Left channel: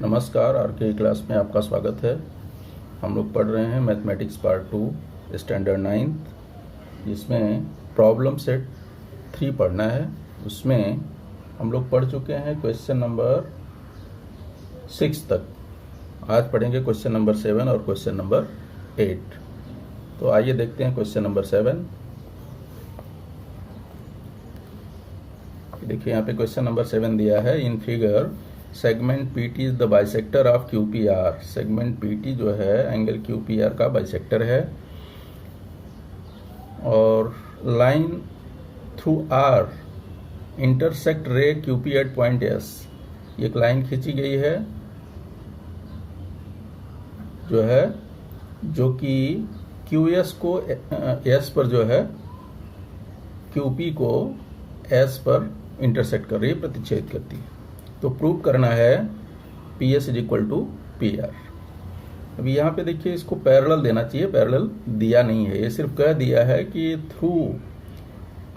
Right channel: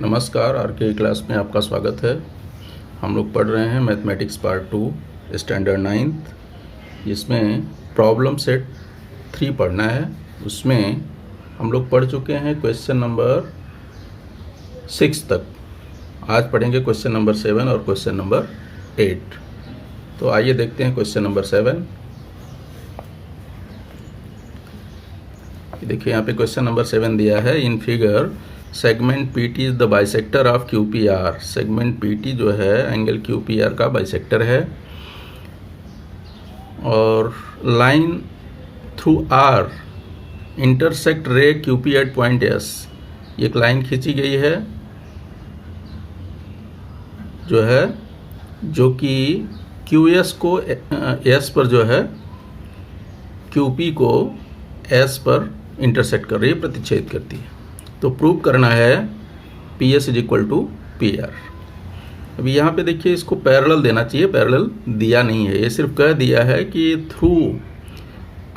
नमस्कार, आर के क्लास में आपका स्वागत है। हम लोग पढ़ रहे हैं मैथमेटिक्स पार्ट 2 स्टैंडर्ड 9th, जिसमें प्रॉब्लम सेट 3 पढ़ना है। उसमें हम लोग पढ़ चुके हैं क्वेश्चन नंबर 6 तक। आज पढ़ेंगे क्वेश्चन नंबर 7 और क्वेश्चन नंबर 8। तो आइए देखते हैं क्वेश्चन नंबर 7। देखिए यहाँ पे क्वेश्चन नंबर 7 दिया है। In figure segment PT is the bisector of QPR. Segment PT जो है एंगल क्यूपीआर का बाइसेक्टर है और लाइन थ्रू आर इंटरसेक्ट रे क्यूपी एट पॉइंट एस। एक लाइन खींची गई है जो कि क्यू एस को एस पर जो है क्यूपी को एस पर इंटरसेक्ट कर रही है, प्रतिच्छेद करती है। तो प्रूव करना है P S is equal to P R. अभी यहाँ पे देखिए, इसको पैरेलल देना चाहिए, पैरेलल दिया नहीं है। ये सिर्फ कह दिया है कि through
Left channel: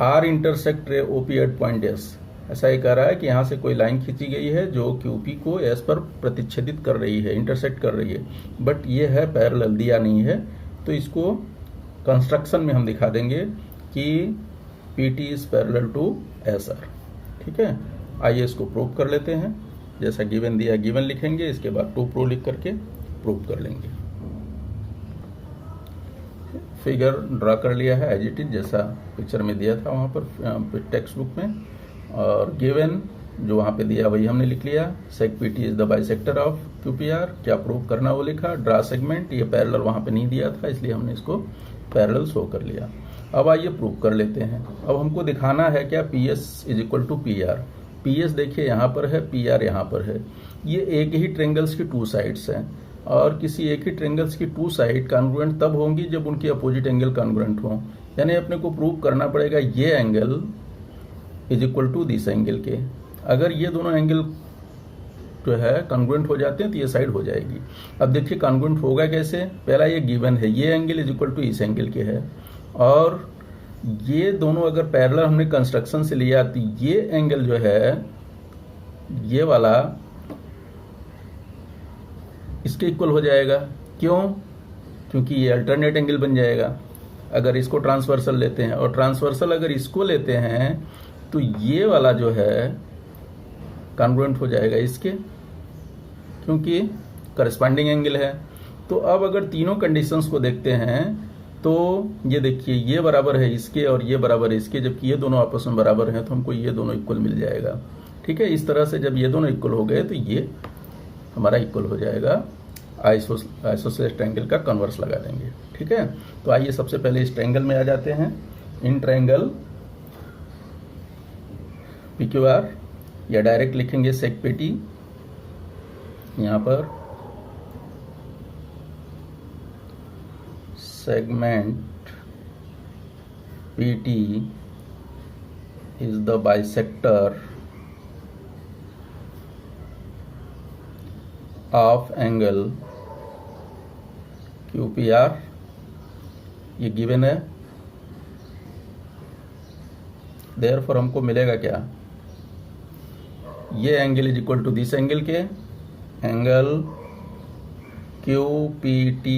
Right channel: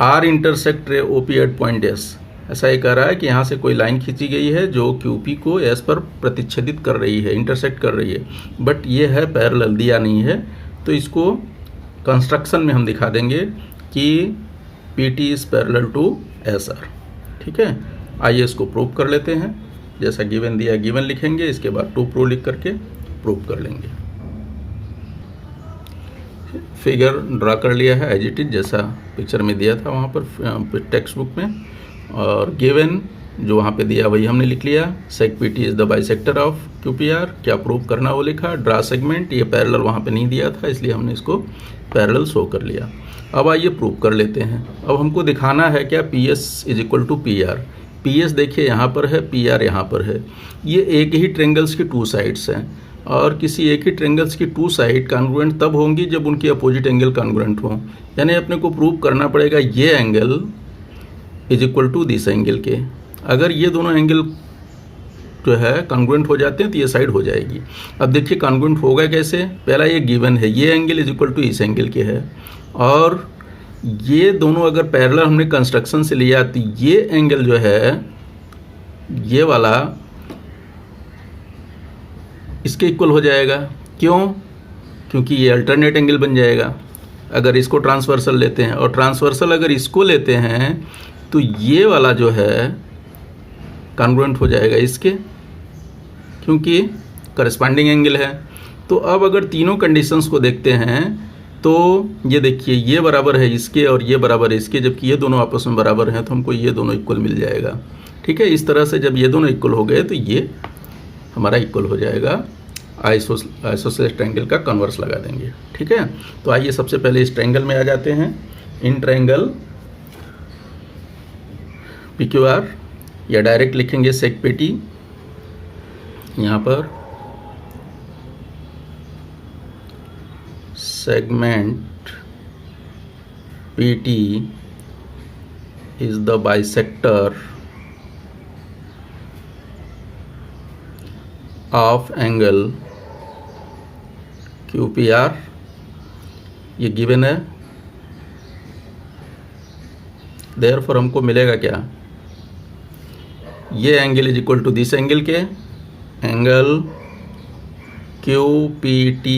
R intersect ray O P at point S. ऐसा ये कह रहा है कि यहाँ से कोई लाइन खींची गई है जो क्यूपी को एस पर प्रतिच्छेदित कर रही है, इंटरसेक्ट कर रही है, बट ये है पैरेलल, दिया नहीं है। तो इसको कंस्ट्रक्शन में हम दिखा देंगे कि P T is parallel to S R. ठीक है, आइए इसको प्रूव कर लेते हैं। जैसा गिवन दिया गिवन लिखेंगे, इसके बाद टू प्रूव लिख करके प्रूव कर लेंगे। फिगर ड्रा कर लिया है एज इट इज, जैसा पिक्चर में दिया था वहाँ पर टेक्स्ट बुक में, और गिवन जो वहाँ पे दिया वही हमने लिख लिया। सेक P T is the bisector of Q P R. क्या प्रूव करना वो लिखा। ड्रा सेगमेंट, ये पैरेलल वहाँ पे नहीं दिया था, इसलिए हमने इसको पैरेलल शो कर लिया। अब आइए प्रूव कर लेते हैं। अब हमको दिखाना है क्या, P S is equal to P R. P S देखिए यहाँ पर है, पी आर यहाँ पर है। ये एक ही ट्रेंगल्स की 2 साइड्स हैं, और किसी एक ही ट्रेंगल्स की 2 साइड कॉन्ग्रुएंट तब होंगी जब उनकी अपोजिट एंगल कॉन्ग्रुएंट हो। यानी अपने को प्रूव करना पड़ेगा ये angle is equal to this angle के। अगर ये दोनों एंगल जो है कॉन्ग्रुएंट हो जाते हैं तो ये साइड हो जाएगी। अब देखिए कॉन्ग्रुएंट होगा कैसे। पहला ये गिवन है, ये एंगल इज इक्वल टू इस एंगल के है, और ये दोनों अगर पैरेलल हमने कंस्ट्रक्शन से लिया तो ये एंगल जो है, ये वाला इसके इक्वल हो जाएगा। क्यों? क्योंकि ये अल्टरनेट एंगल बन जाएगा अगर इसको ट्रांसवर्सल लेते हैं, और ट्रांसवर्सल अगर इसको लेते हैं तो ये वाला जो है कॉन्ग्रुएंट हो जाएगा इसके, क्योंकि करस्पॉन्डिंग एंगल है। तो अब अगर तीनों कंडीशंस को देखते हैं तो ये देखिए, ये बराबर है इसके और ये बराबर है इसके, जबकि ये दोनों आपस में बराबर हैं, तो हमको ये दोनों इक्वल मिल जाएगा। ठीक है, इस तरह से जब ये दोनों इक्वल हो गए तो ये हमारा इक्वल हो जाएगा। आइसोसेलेस ट्रायंगल का कन्वर्स लगा देंगे। ठीक है, तो आइए सबसे पहले इस ट्रायंगल में आ जाते हैं। In triangle P Q R, या डायरेक्ट लिखेंगे सेक पी टी। यहाँ पर segment PT is the bisector of angle QPR। ये गिवन है, देयरफॉर हमको मिलेगा क्या, ये angle is equal to this angle के। Angle QPT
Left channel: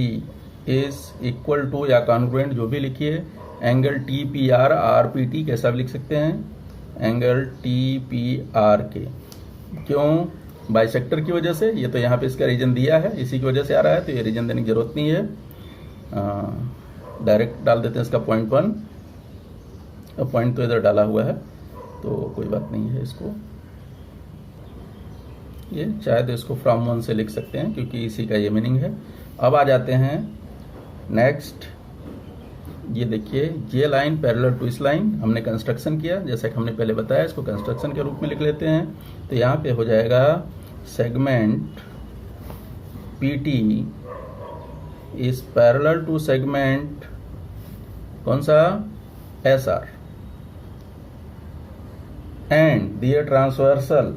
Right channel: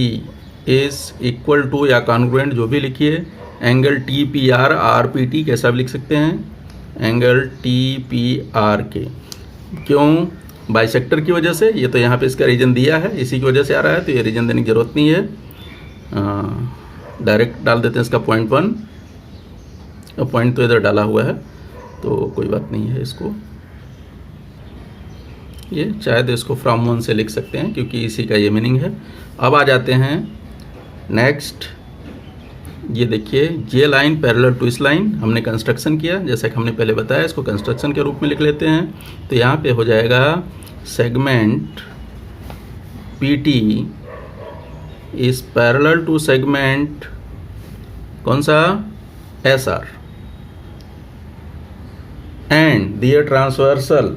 is equal to या कॉन्ग्रुएंट, जो भी लिखिए, angle T P R R P T, कैसा भी लिख सकते हैं, एंगल टी पी आर के। क्यों? बाइसेक्टर की वजह से। ये तो यहाँ पे इसका रीजन दिया है, इसी की वजह से आ रहा है, तो ये रीजन देने की जरूरत नहीं है। डायरेक्ट डाल देते हैं इसका पॉइंट 1। पॉइंट तो इधर डाला हुआ है तो कोई बात नहीं है। इसको ये चाहे तो इसको फ्रॉम 1 से लिख सकते हैं, क्योंकि इसी का ये मीनिंग है। अब आ जाते हैं नेक्स्ट। ये देखिए, ये लाइन पैरेलल टू इस लाइन, हमने कंस्ट्रक्शन किया जैसा कि हमने पहले बताया, इसको कंस्ट्रक्शन के रूप में लिख लेते हैं। तो यहाँ पे हो जाएगा segment P T is parallel to segment कौन सा, S R, and their transversal,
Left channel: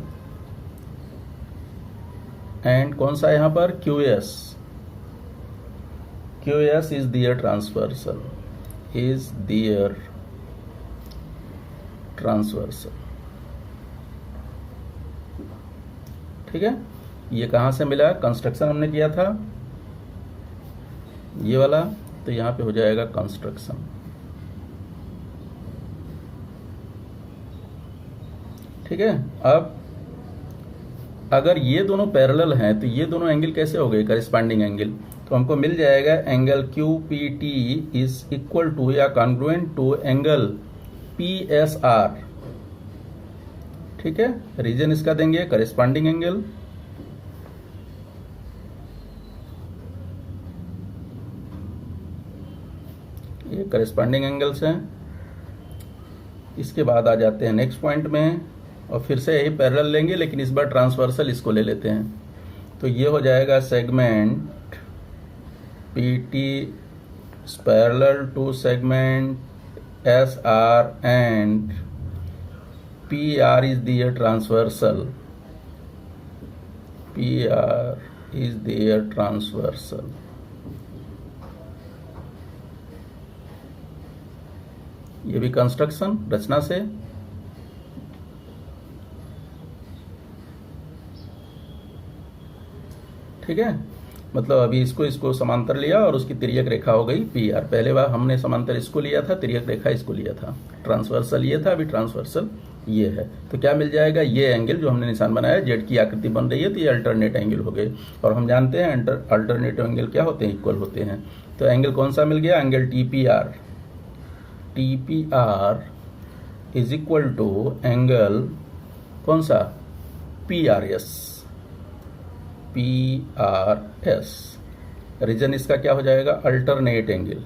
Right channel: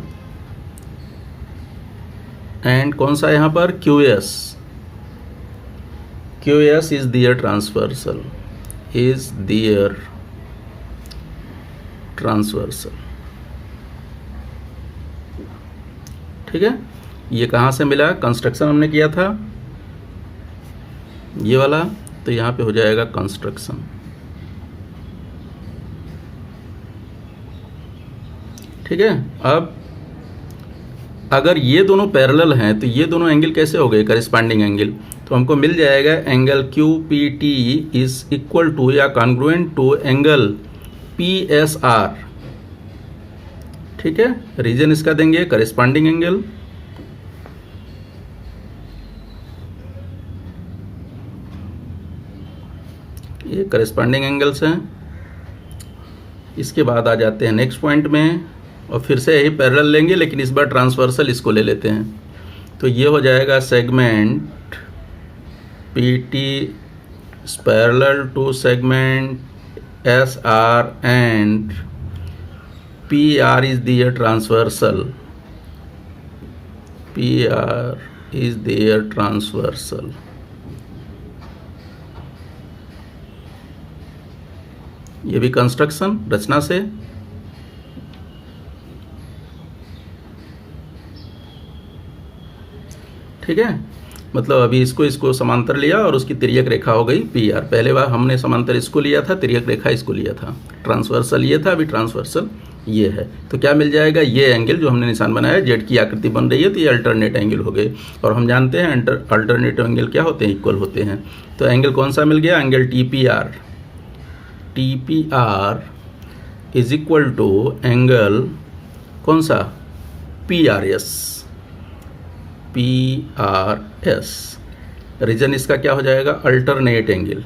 and कौन सा यहाँ पर, Q S. QS is their transversal, ठीक है। ये कहाँ से मिला, कंस्ट्रक्शन हमने किया था ये वाला, तो यहाँ पे हो जाएगा कंस्ट्रक्शन। ठीक है। अब अगर ये दोनों पैरेलल हैं तो ये दोनों एंगल कैसे हो गए, करिस्पॉन्डिंग एंगल। तो हमको मिल जाएगा angle QPT is equal to या कॉन्ग्रुएंट टू एंगल PSR। ठीक है, रीजन इसका देंगे करिस्पॉन्डिंग एंगल। ये करिस्पॉन्डिंग एंगल्स हैं। इसके बाद आ जाते हैं नेक्स्ट पॉइंट में, और फिर से यही पैरेलल लेंगे, लेकिन इस बार ट्रांसवर्सल इसको ले लेते हैं। तो ये हो जाएगा segment PT parallel to segment SR and PR is their transversal. PR is their transversal. ये भी कंस्ट्रक्शन रचना से। ठीक है, मतलब अभी इसको समांतर लिया और उसकी तिर्यक रेखा हो गई PR। पहले बार हमने समांतर इसको लिया था, तिर्यक रेखा इसको लिया था, ट्रांसवर्सल ये था, अभी ट्रांसवर्सल ये है। तो क्या मिल जाएगा, ये एंगल जो हमने निशान बनाया, जेड की आकृति बन रही है, तो ये अल्टरनेट एंगल हो गए। और हम जानते हैं अल्टरनेट एंगल क्या होते हैं, इक्वल होते हैं। तो एंगल कौन सा मिल गया, angle TPR is equal to angle कौन सा, PRS। रीजन इसका क्या हो जाएगा, अल्टरनेट एंगल।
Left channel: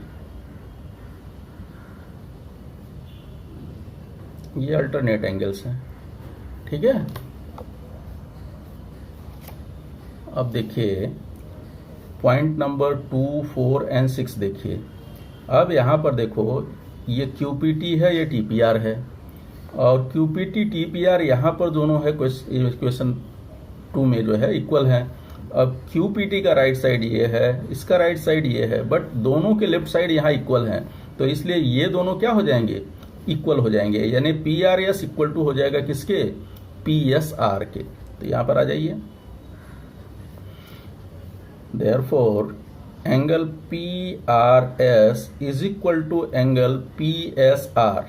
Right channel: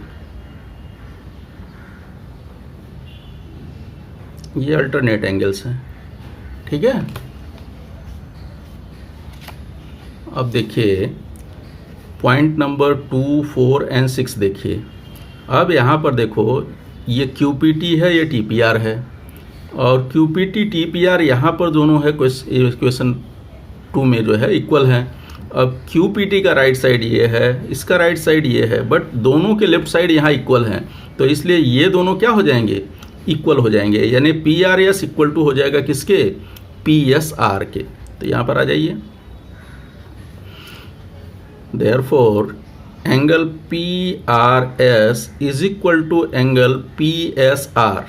ये अल्टरनेट एंगल्स हैं। ठीक है, अब देखिए पॉइंट नंबर 2, 4 एंड 6 देखिए। अब यहाँ पर देखो ये QPT है, ये TPR है, और QPT TPR यहाँ पर दोनों है क्वेश्चन 2 में जो है इक्वल है। अब QPT का राइट साइड ये है, इसका राइट साइड ये है, बट दोनों के लेफ्ट साइड यहाँ इक्वल हैं, तो इसलिए ये दोनों क्या हो जाएंगे, इक्वल हो जाएंगे। यानी PRS इक्वल टू हो जाएगा किसके, PSR के। तो यहाँ पर आ जाइए, therefore angle PRS is equal to angle PSR।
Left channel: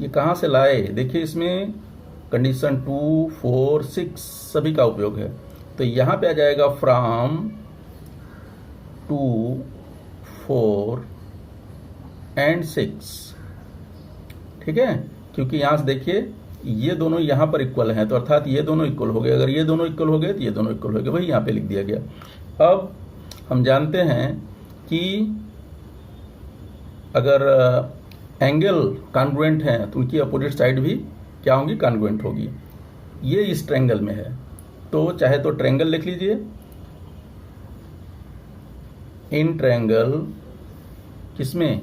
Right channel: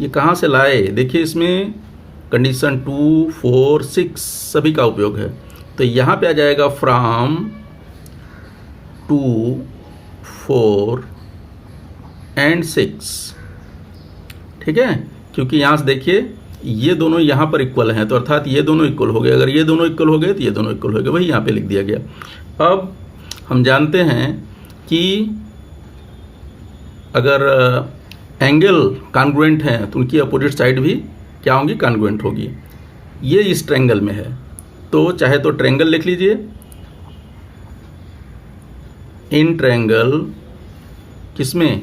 ये कहाँ से लाए, देखिए इसमें कंडीशन 2, 4, 6 सभी का उपयोग है। तो यहाँ पे आ जाएगा फ्रॉम 2, 4 एंड 6। ठीक है, क्योंकि यहाँ से देखिए ये दोनों यहाँ पर इक्वल हैं, तो अर्थात ये दोनों इक्वल हो गए। अगर ये दोनों इक्वल हो गए तो ये दोनों इक्वल हो गए, वही यहाँ पे लिख दिया गया। अब हम जानते हैं कि अगर एंगल कॉन्ग्रुएंट हैं तो उनकी अपोजिट साइड भी क्या होंगी, कॉन्ग्रुएंट होगी। ये इस ट्रायंगल में है, तो चाहे तो ट्रायंगल लिख लीजिए, इन ट्रायंगल किसमें,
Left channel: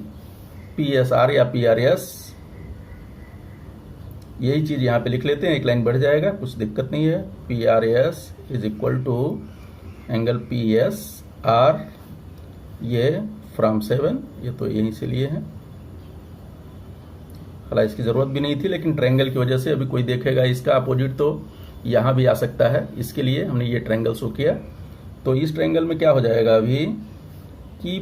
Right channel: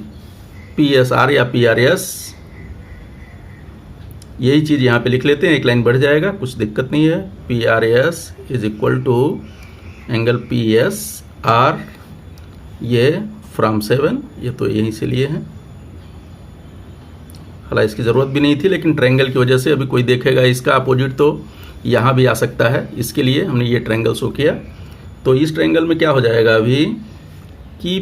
PSR या PRS। यही चीज़ यहाँ पे लिख लेते हैं, एक लाइन बढ़ जाएगा, कुछ दिक्कत नहीं है। PRS is equal to angle PSR, ये फ्रॉम 7, ये तो यहीं से लिए हैं। हालांकि इसकी ज़रूरत भी नहीं थी, लेकिन ट्रायंगल की वजह से अभी कोई देखेगा इसका अपोजिट तो यहाँ भी आ सकता है, इसके लिए हमने ये ट्रायंगल शो किया। तो इस ट्रायंगल में क्या हो जाएगा अभी कि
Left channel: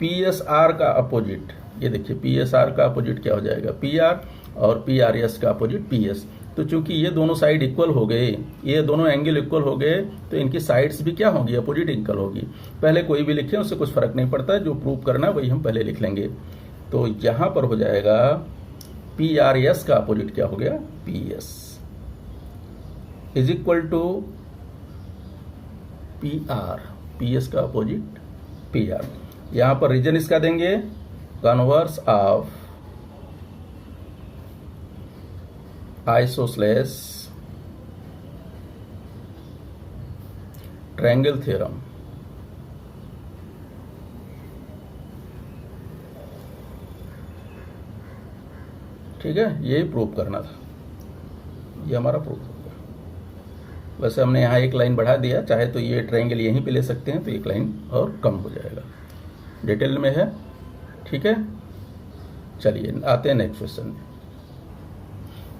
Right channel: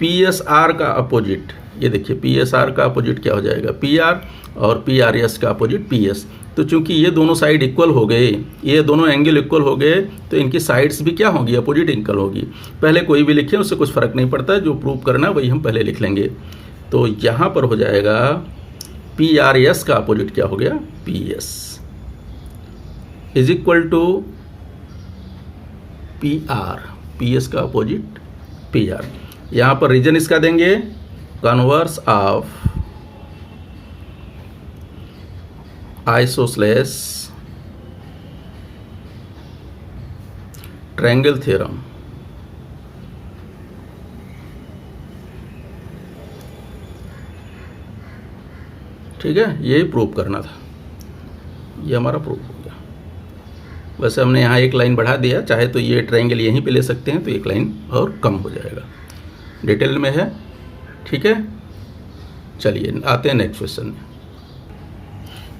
PSR का अपोजिट, ये देखिए PSR का अपोजिट क्या हो जाएगा, PR, और PRS का अपोजिट PS। तो चूंकि ये दोनों साइड इक्वल हो गए, ये दोनों एंगल इक्वल हो गए, तो इनकी साइड्स भी क्या होगी, अपोजिट इक्वल होगी। पहले कोई भी लिखें उससे कुछ फ़र्क नहीं पड़ता, जो प्रूव करना वही हम पहले लिख लेंगे। तो यहाँ पर हो जाएगा PRS का अपोजिट क्या हो गया, PS is equal to PR, PS का अपोजिट PR। यहाँ पर रीजन इसका देंगे converse of isosceles triangle theorem. ठीक है, यही प्रूव करना था, ये हमारा प्रूफ हो गया। वैसे हमने यहाँ एक लाइन बढ़ा दिया, चाहे तो ये ट्रायंगल यहीं पे ले सकते हैं, तो एक लाइन और कम हो जाएगा, डिटेल में है। ठीक है, चलिए आते हैं नेक्स्ट क्वेश्चन में।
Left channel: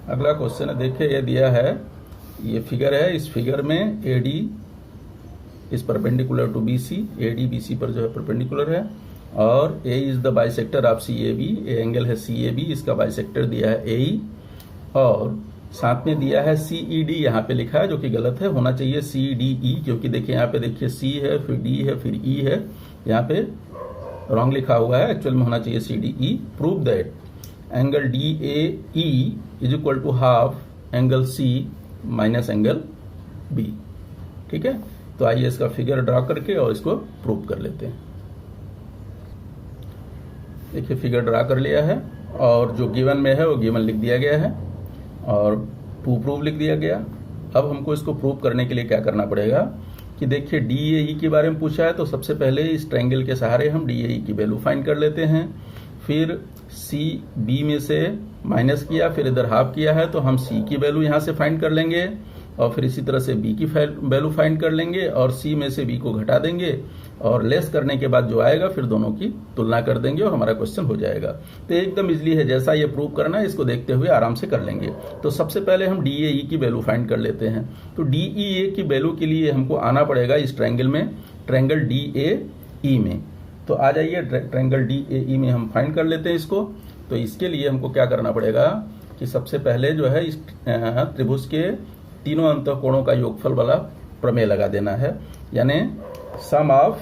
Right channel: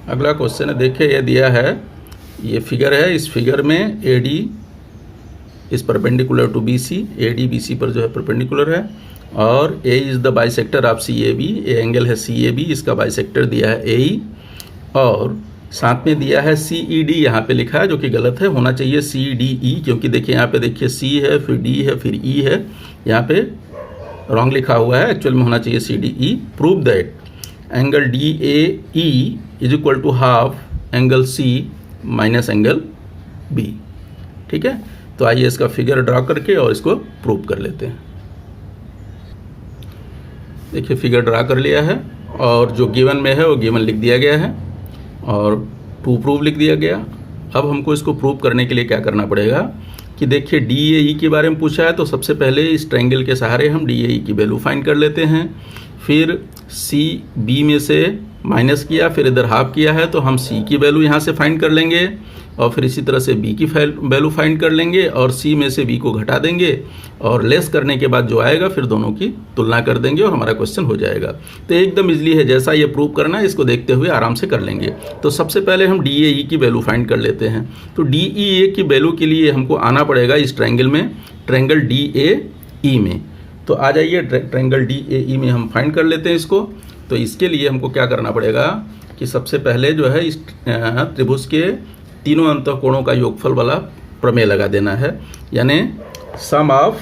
अगला क्वेश्चन है, देखिए ये दिया है ये फिगर है, इस फिगर में AD is perpendicular to BC, AD BC पर जो है परपेंडिकुलर है, और A is the bisector of CAB, ये एंगल है CAB, इसका बाइसेक्टर दिया है AE, और साथ में दिया है CED, यहाँ पे लिखा है जो कि गलत है, होना चाहिए CDE, क्योंकि देखिए यहाँ पे देखिए C है, फिर D है, फिर E है, यहाँ पे रॉन्ग लिखा हुआ है, एक्चुअल में होना चाहिए CDE। Prove that angle DAE is equal to half angle C minus angle B। ठीक है, तो आइए इसका फिगर ड्रा करके और इसको प्रूव कर लेते हैं। देखिए फिगर ड्रा कर लिया है, और जो गिवन में है वो गिवन लिख दिया गया है, और टू प्रूव लिख दिया गया। अब हमको इसको प्रूव करने के लिए क्या करना पड़ेगा कि देखिए DAE के बारे में पूछा है, तो सबसे पहले इस ट्रायंगल के सहारे हम DAE की वैल्यू फाइंड कर लेते हैं। फिर CB में से माइनस किया, फिर इधर हाफ किया है, तो हम C की वैल्यू यहाँ से फाइंड कर लेंगे, और फिर इसी तरह से B की वैल्यू फाइंड कर लेंगे, और C में से B को घटा देंगे, और लेस करने के बाद जो आएगा फिर दोनों की तुलना कर देंगे और हमारा क्वेश्चन हो जाएगा। तो एकदम इजली है, जैसा ये प्रूव करना है इसको देखते हुए आराम से कर लेंगे। तो सबसे पहले हम DAE की वैल्यू फाइंड कर लेते हैं। तो DEA की वैल्यू के लिए हमको आना पड़ेगा इस ट्रायंगल में, ट्रायंगल DAE में। तो आ जाइए ट्रायंगल DAE में हम फाइंड कर लेते हैं इसको। तो इसके लिए हमको क्या करना पड़ेगा कि सबसे पहले जो है इस त्रिभुज के तीनों अंतःकोणों का योगफल वाला प्रमेय लगा देना है, यानी sum of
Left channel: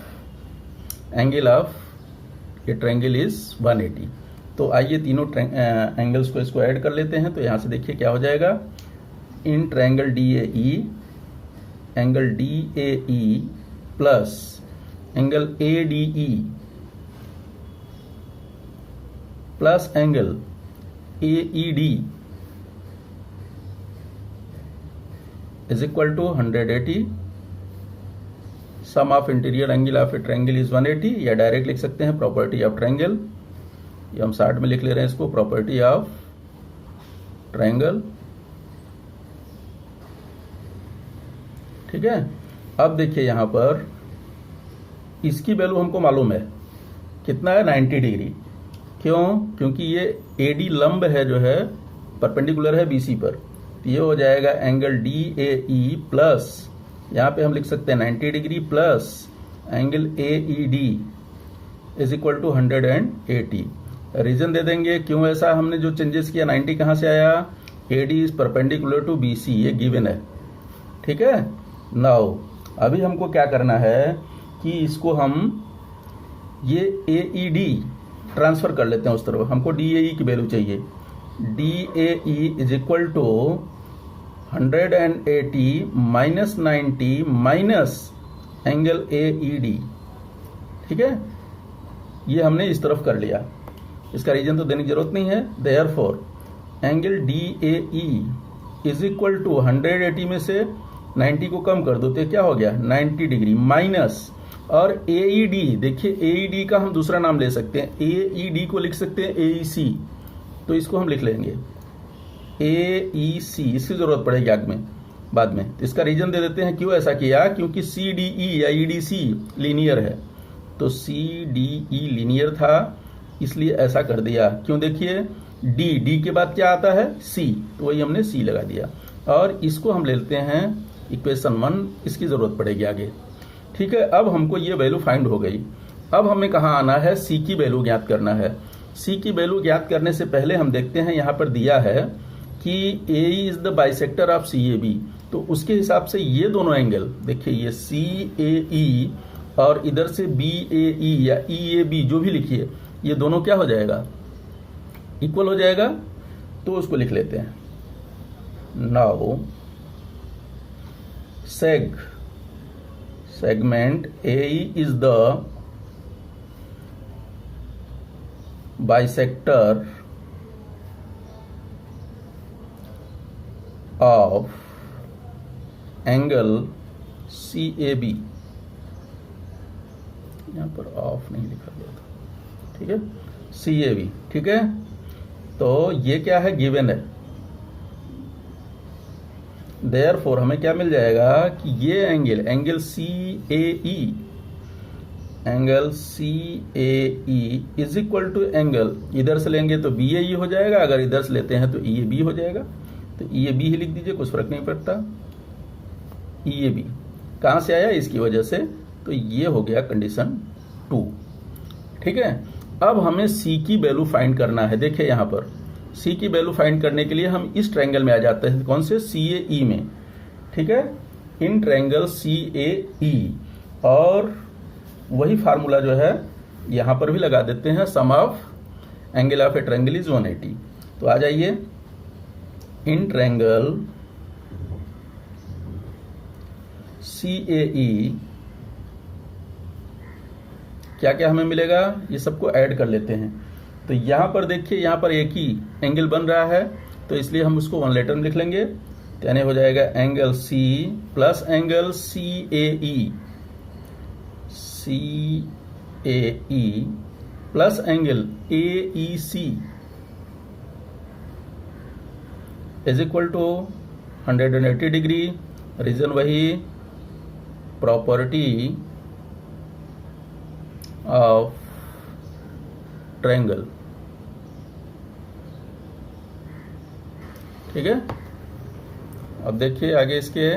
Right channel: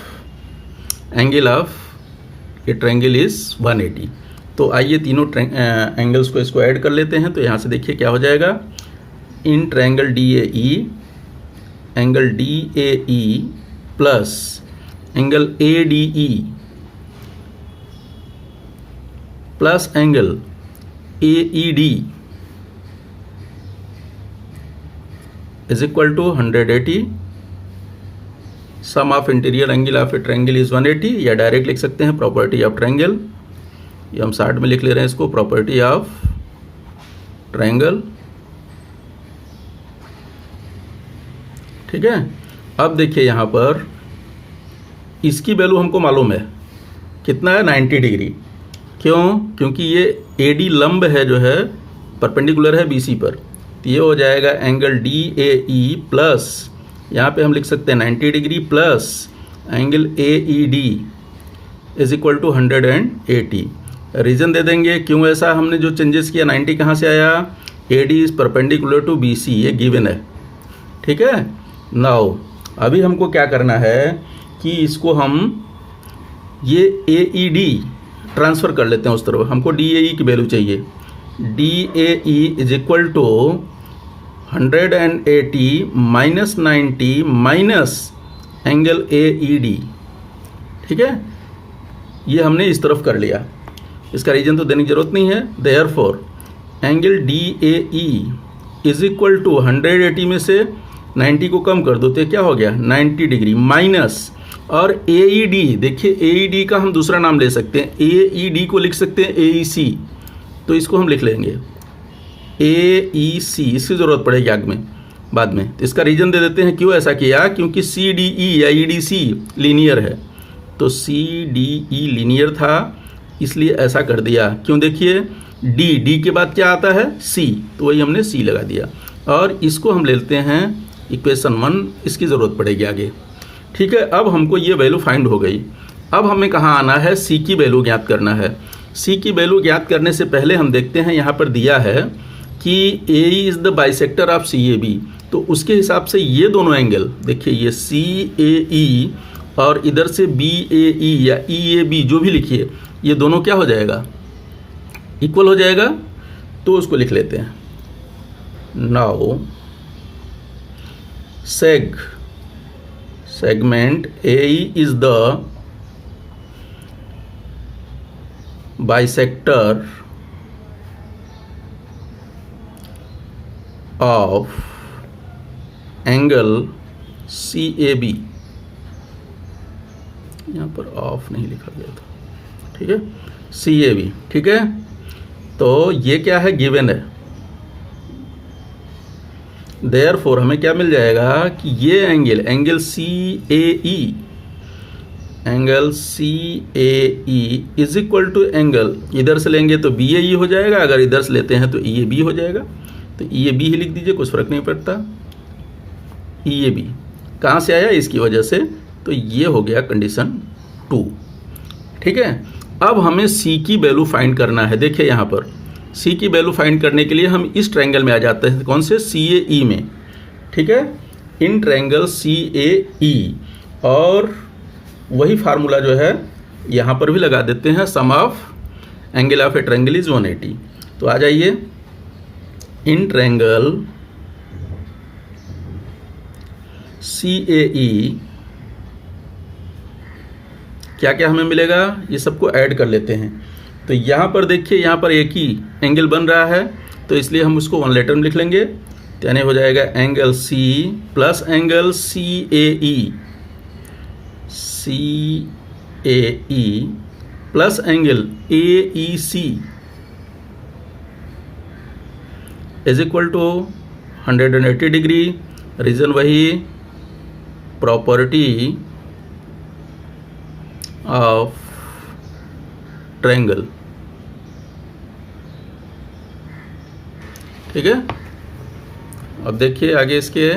angle of a triangle is 180। तो आइए तीनों एंगल्स को इसको ऐड कर लेते हैं। तो यहाँ से देखिए क्या हो जाएगा, in triangle DAE angle DAE plus angle ADE plus angle AED is equal to 180। Sum of interior angle of a triangle is 180, या डायरेक्ट लिख सकते हैं प्रॉपर्टी ऑफ ट्रायंगल, ये हम शॉर्ट में लिख ले रहे हैं इसको, प्रॉपर्टी ऑफ ट्रायंगल। ठीक है, अब देखिए यहाँ पर इसकी वैल्यू हमको मालूम है कितना है, 90 डिग्री। क्यों? क्योंकि ये AD लंब है जो है परपेंडिकुलर है BC पर, तो ये हो जाएगा एंगल DAE प्लस, यहाँ पे हम लिख सकते हैं 90 degree plus angle AED is equal to 180। Reason दे देंगे क्यों ऐसा हमने जो चेंजेस किया, 90 कहाँ से आया, AD is perpendicular to BC, ये गिवन है। ठीक है, नाउ अभी हमको क्या करना है कि इसको हम ये AED ट्रांसफ़र कर लेते हैं उस तरफ, हमको DAE की वैल्यू चाहिए। DAE is equal to 180 minus 90 minus angle AED। ठीक है, ये हमने इस तरफ कर लिया, इसका रीजन तो देने की जरूरत नहीं है। Therefore angle DAE is equal to 180 में से 90 को कम कर दो तो क्या हो गया, 90 डिग्री माइनस, और AED देखिए AED का हम दूसरा नाम ले सकते हैं, AED को लिख सकते हैं AEC, तो इसको हम लिख लेंगे AEC, इसकी ज़रूरत पड़ेगी आगे में बाद में। तो इसका रीज़न दे देते हैं क्यों ऐसा किया, क्योंकि CDE या EDC लीनियर है, तो CDE लीनियर था इसलिए ऐसा कर दिया। क्यों, देखिए D के बाद क्या आता है C, तो वही हमने C लगा दिया, और इसको हम लेते हैं इक्वेशन 1, इसकी ज़रूरत पड़ेगी आगे। ठीक है, अब हमको ये वैल्यू फाइंड हो गई। अब हमें कहाँ आना है, C की वैल्यू ज्ञात करना है। C की वैल्यू ज्ञात करने से पहले हम देखते हैं यहाँ पर दिया है कि AE is the bisector of CAB, तो उसके हिसाब से ये दोनों एंगल देखिए, ये CAE और इधर से BAE या EAB जो भी लिखिए, ये दोनों क्या हो जाएगा, इक्वल हो जाएगा। तो उसको लिख लेते हैं, now segment AE is the bisector of angle CAB, यहाँ पर ऑफ नहीं लिखा गया था, ठीक है, CAB। ठीक है, तो ये क्या है, गिवन है। देयरफॉर हमें क्या मिल जाएगा कि ये angle CAE is equal to angle, इधर से लेंगे तो BAE हो जाएगा, अगर इधर से लेते हैं तो EAB हो जाएगा, तो EAB ही लिख दीजिए, कुछ फर्क नहीं पड़ता। EAB कहाँ से आया, इसकी वजह से। तो ये हो गया कंडीशन 2। ठीक है, अब हमें C की वैल्यू फाइंड करना है। देखिए यहाँ पर C की वैल्यू फाइंड करने के लिए हम इस ट्रायंगल में आ जाते हैं, कौन से, CAE में। ठीक है, इन ट्रायंगल CAE, और वही फार्मूला जो है यहाँ पर भी लगा देते हैं, sum of angle of a triangle is 180। तो आ जाइए, इन ट्रायंगल CAE क्या क्या हमें मिलेगा, ये सबको ऐड कर लेते हैं। तो यहाँ पर देखिए, यहाँ पर एक ही एंगल बन रहा है, तो इसलिए हम उसको 1 लेटर में लिख लेंगे। तो यानी हो जाएगा angle C plus angle CAE plus angle AEC is equal to 180 degree. Reason वही, प्रॉपर्टी ऑफ ट्रायंगल। ठीक है, अब देखिए आगे इसके,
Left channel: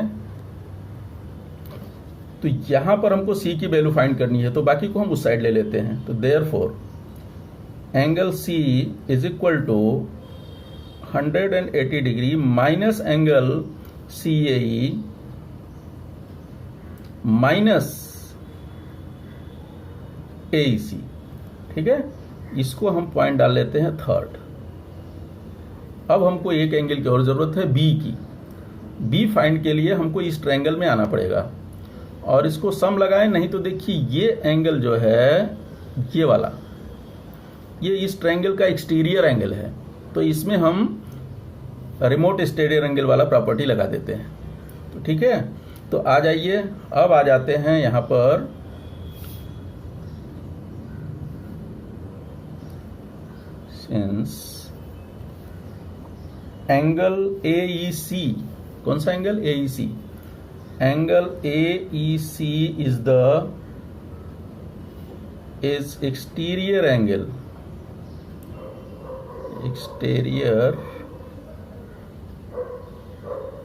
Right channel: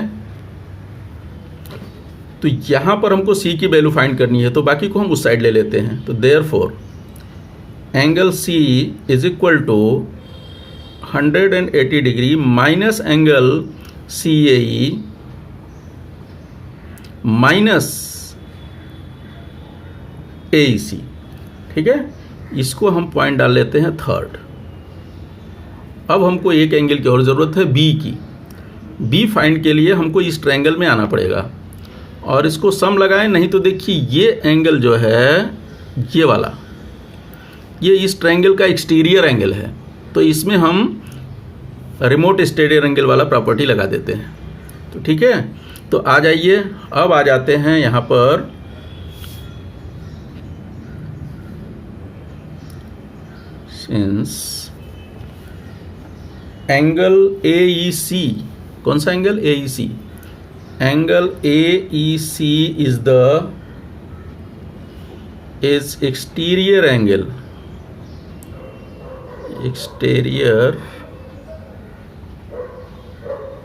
तो यहां पर हमको C की वैल्यू फाइंड करनी है, तो बाकी को हम उस साइड ले लेते हैं। तो therefore angle C is equal to 180 degree minus angle CAE minus AEC। ठीक है, इसको हम पॉइंट डाल लेते हैं 3rd। अब हमको एक एंगल की और ज़रूरत है, B की। B फाइंड के लिए हमको इस ट्रायंगल में आना पड़ेगा और इसको सम लगाएं, नहीं तो देखिए ये एंगल जो है, ये वाला, ये इस ट्रायंगल का एक्सटीरियर एंगल है, तो इसमें हम रिमोट एक्सटीरियर एंगल वाला प्रॉपर्टी लगा देते हैं। तो ठीक है, तो आ जाइए, अब आ जाते हैं यहाँ पर सिंस एंगल AEC, कौन सा angle, AEC, angle AEC is exterior angle, exterior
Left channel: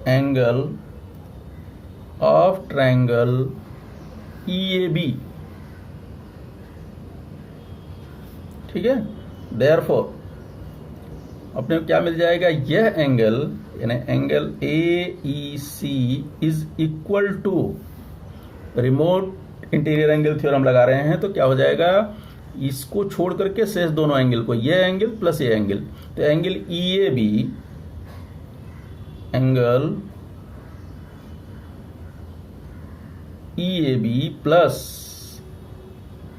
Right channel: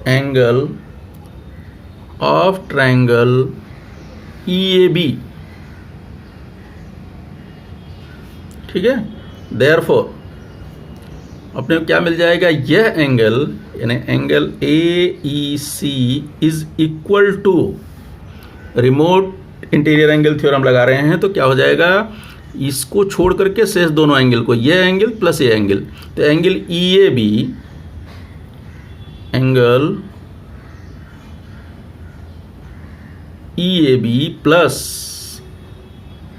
angle of triangle EAB। ठीक है, देयरफॉर अपने को क्या मिल जाएगा, यह एंगल यानी angle AEC is equal to, remote interior angle theorem लगा रहे हैं, तो क्या हो जाएगा, इसको छोड़ करके शेष दोनों एंगल को, यह एंगल प्लस ये एंगल, तो angle EAB, angle EAB plus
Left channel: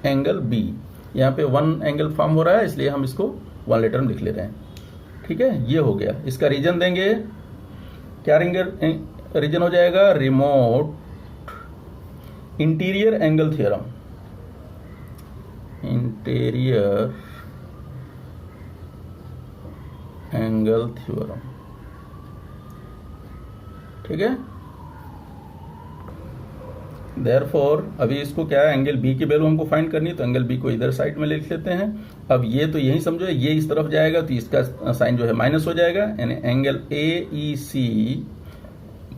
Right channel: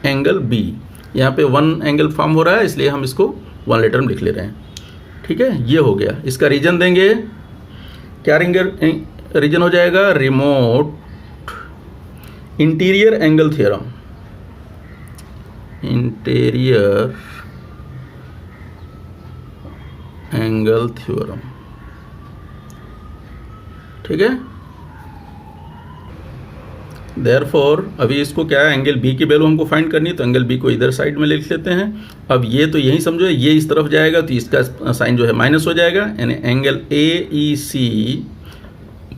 angle B, यहाँ पे 1 एंगल फॉर्म हो रहा है, इसलिए हम इसको 1 लेटर में लिख ले रहे हैं। ठीक है, ये हो गया। इसका रीजन देंगे, क्या रीजन हो जाएगा, remote interior angle theorem, interior angle theorem. ठीक है, देयरफॉर अभी इसको क्या है, एंगल B की वैल्यू हमको फाइंड करनी है, तो एंगल B को इधर साइड में लिख लेते हैं। अब ये तो यही समझो, ये इस तरफ जाएगा तो इसका साइन जो है माइनस हो जाएगा, यानी angle AEC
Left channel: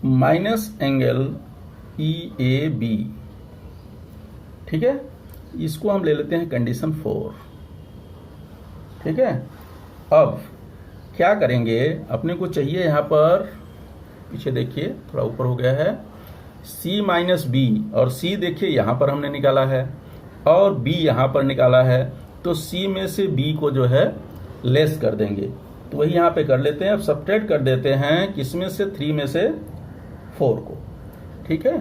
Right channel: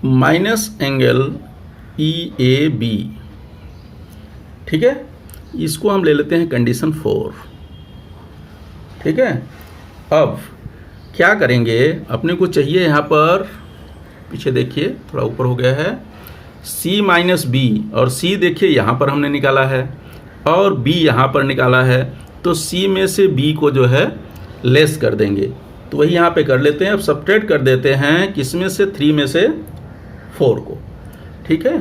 minus angle EAB। ठीक है, इसको हम ले लेते हैं कंडीशन 4। ठीक है, अब क्या करेंगे, अपने को चाहिए यहाँ पर, पीछे देखिए थोड़ा ऊपर हो गया है, C माइनस B, और C देखिए यहाँ पर हमने निकाला है और B यहाँ पर निकाला है, तो C में से B को जो है लेस कर देंगे, तो वही यहाँ पे कर लेते हैं। अब सब्ट्रैक्ट कर देते हैं किसमें से, 3 में से 4 को। ठीक है,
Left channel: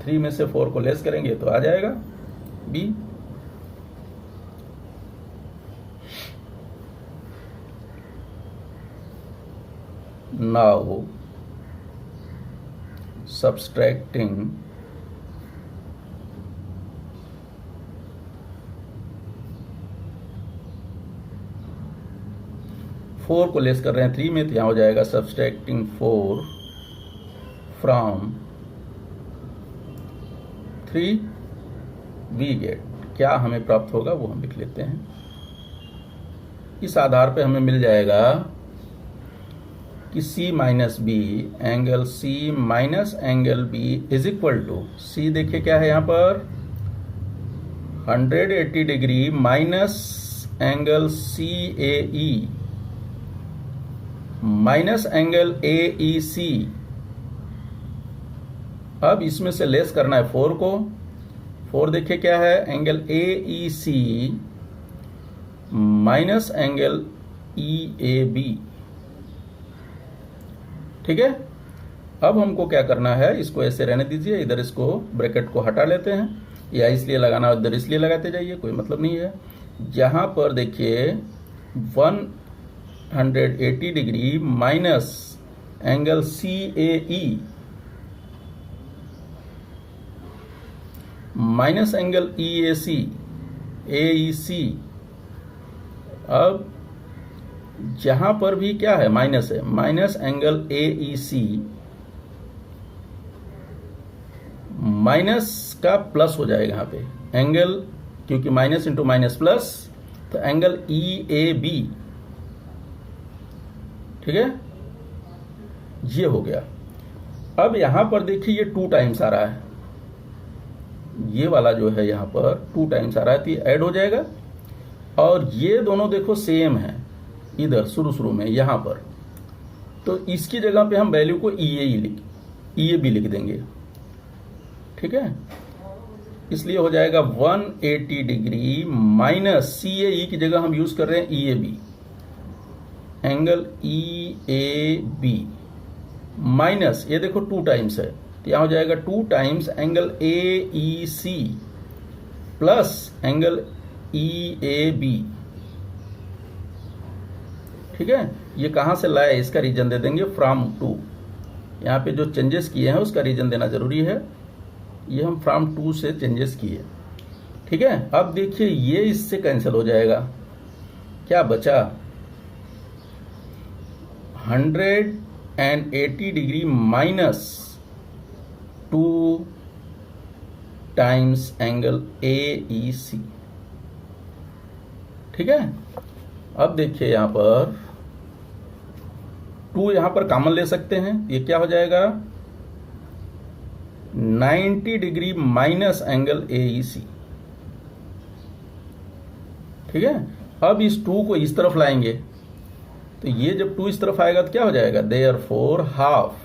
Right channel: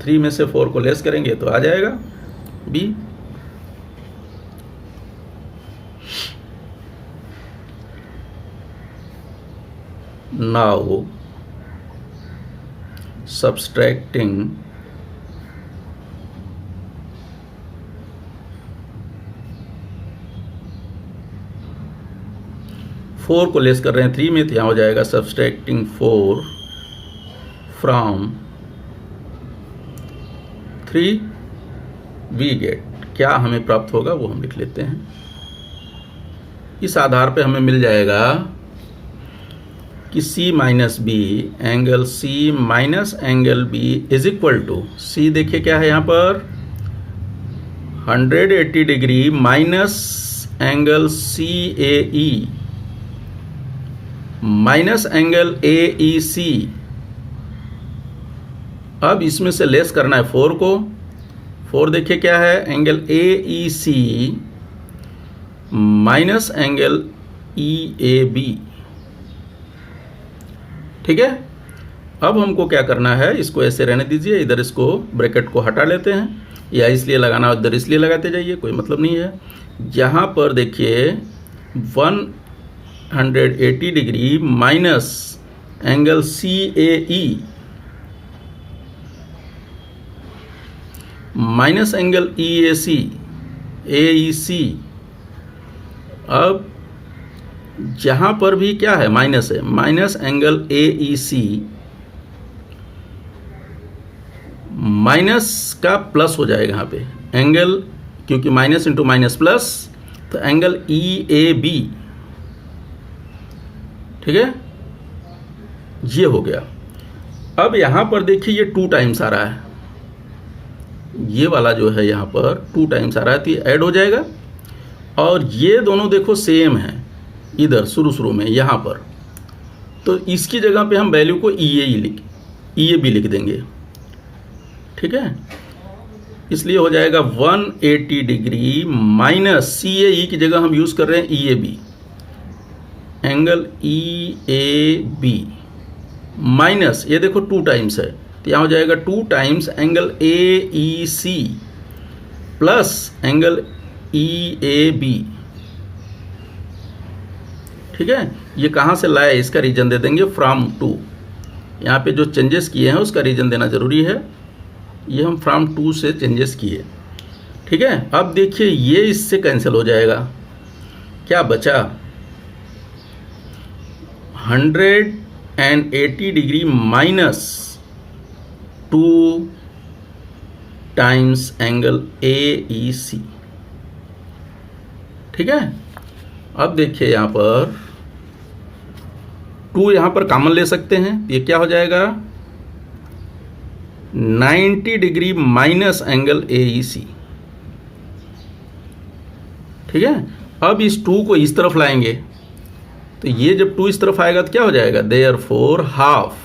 3 में से 4 को लेस करेंगे तो आ जाएगा B। नाउ subtracting 4 को लेस कर रहे हैं 3 में, तो यहाँ हो जाएगा subtracting 4 from 3 we get, क्या हमें प्राप्त होगा वो हम लिख लेते हैं। इस आधार पे हमें मिल जाएगा कि C minus B, angle C minus angle B is equal to, C देखिए क्या है यहाँ पर 180 degree minus angle CAE minus angle AEC। अब इसमें से लेस करना है 4 को। 4 देखिए क्या है angle AEC minus angle EAB। ठीक है, अब हमको क्या करना है, इसको ऐसे रहने दीजिए, इधर इसको ब्रैकेट को हटा लेते हैं, या इसलिए लगाना उधर इसलिए लगाते जाइए, कोई मतलब नहीं है। यहाँ पर देखिए 180 degree minus angle CAE minus angle AEC। अब जहां पर भी क्या है माइनस है, माइनस एंगल AEC माइनस का प्लस हो जाएगा यहाँ पे एंगल, क्योंकि माइनस इंटू माइनस प्लस, तो एंगल EAB। ठीक है, ये हो गया। अब यहां पर देखिए ये 2 टाइम्स आ रहा है, ये वाला जो है यहाँ पर 2 टाइम्स आ रहा है, तो ये ऐड हो जाएगा। और ये दोनों देखो सेम है इधर शुरू में यहाँ पर, तो इसकी जगह पे हम वैल्यू को EAB लिख देंगे। ठीक है, इसलिए हो जाएगा 180 डिग्री माइनस CAE की जगह हम यूज कर रहे हैं EAB, एंगल EAB माइनस, ये देखो 2 टाइम्स है, तो यहाँ हो जाएगा 2 times angle AEC plus angle EAB। ठीक है, ये कहाँ से लाया, इसका रीजन दे देंगे फ्रॉम टू। यहाँ पे जो चेंजेस किए हैं उसका रीजन देना जरूरी है, ये हम फ्रॉम टू से चेंजेस किए। ठीक है, अब देखिए ये इससे कैंसिल हो जाएगा, क्या बचा 180 degree minus 2 times angle AEC। ठीक है, अब देखिए यहाँ पर 2 यहाँ पर कॉमन ले सकते हैं, ये क्या हो जाएगा 90 डिग्री माइनस एंगल AEC। ठीक है, अब इस 2 को इस तरफ लाएंगे, तो ये जब 2 इस तरफ आएगा तो क्या हो जाएगा, देयरफॉर हाफ।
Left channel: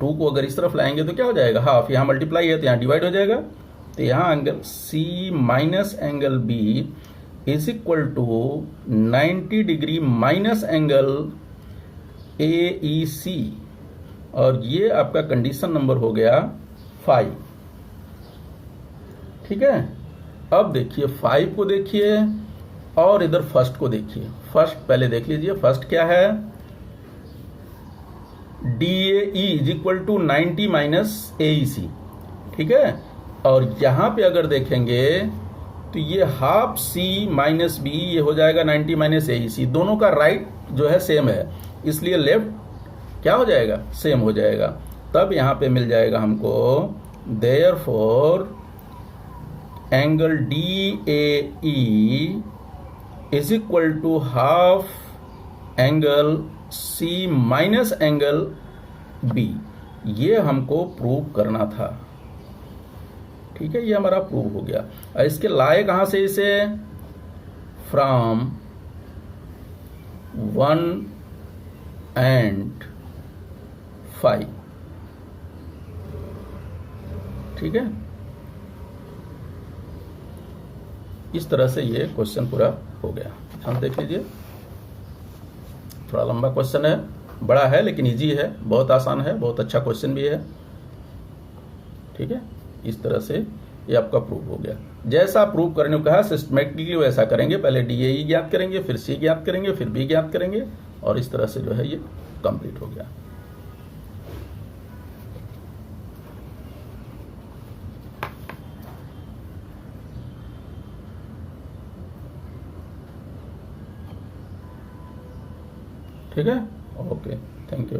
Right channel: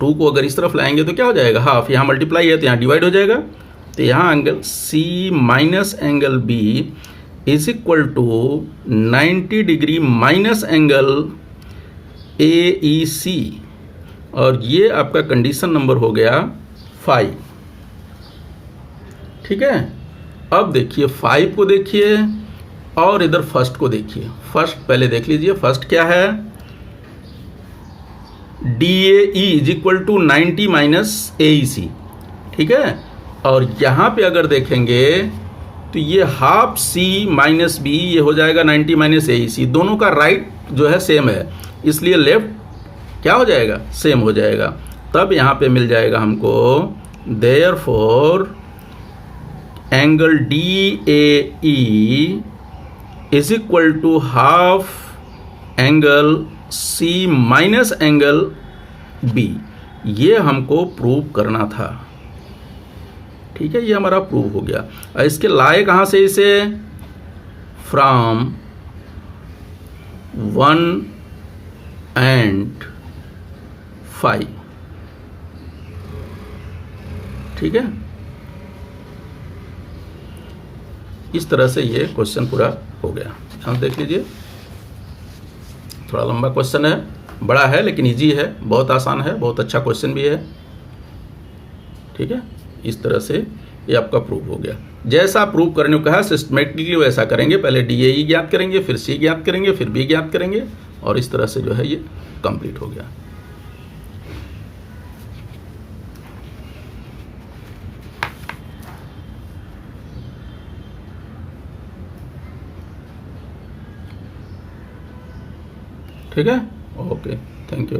2 को अगर इस तरफ लाएंगे तो क्या हो जाएगा हाफ, यहाँ मल्टीप्लाई है तो यहाँ डिवाइड हो जाएगा, तो यहाँ angle C minus angle B is equal to 90 degree minus angle AEC, और ये आपका कंडीशन नंबर हो गया 5। ठीक है, अब देखिए 5 को देखिए और इधर फर्स्ट को देखिए। फर्स्ट पहले देख लीजिए, फर्स्ट क्या है, DAE is equal to 90 minus AEC। ठीक है, और यहाँ पे अगर देखेंगे तो ये हाफ C माइनस B, ये हो जाएगा 90 माइनस AEC। दोनों का राइट जो है सेम है, इसलिए लेफ्ट क्या हो जाएगा, सेम हो जाएगा। तब यहाँ पे मिल जाएगा हमको therefore angle DAE is equal to half angle C minus angle B। ये हमको प्रूव करना था। ठीक है, ये हमारा प्रूव हो गया। और इसके लाए कहाँ से इसे, फ्रॉम 1 and 5। ठीक है, इस तरह से ये क्वेश्चन पूरा हो गया। ध्यान देख लीजिए, थोड़ा लंबा क्वेश्चन है, बड़ा है लेकिन इजी है, बहुत आसान है, बहुत अच्छा क्वेश्चन भी है। ठीक है, इस तरह से ये आपका प्रूव हो गया। जैसा प्रूव करने को कहा सिस्टमेटिकली वैसा करेंगे, पहले DAE ज्ञात करेंगे, फिर C ज्ञात करेंगे, फिर B ज्ञात करेंगे, और इस तरह से जो है ये कंप्लीट हो गया। ठीक है, ओके, थैंक यू।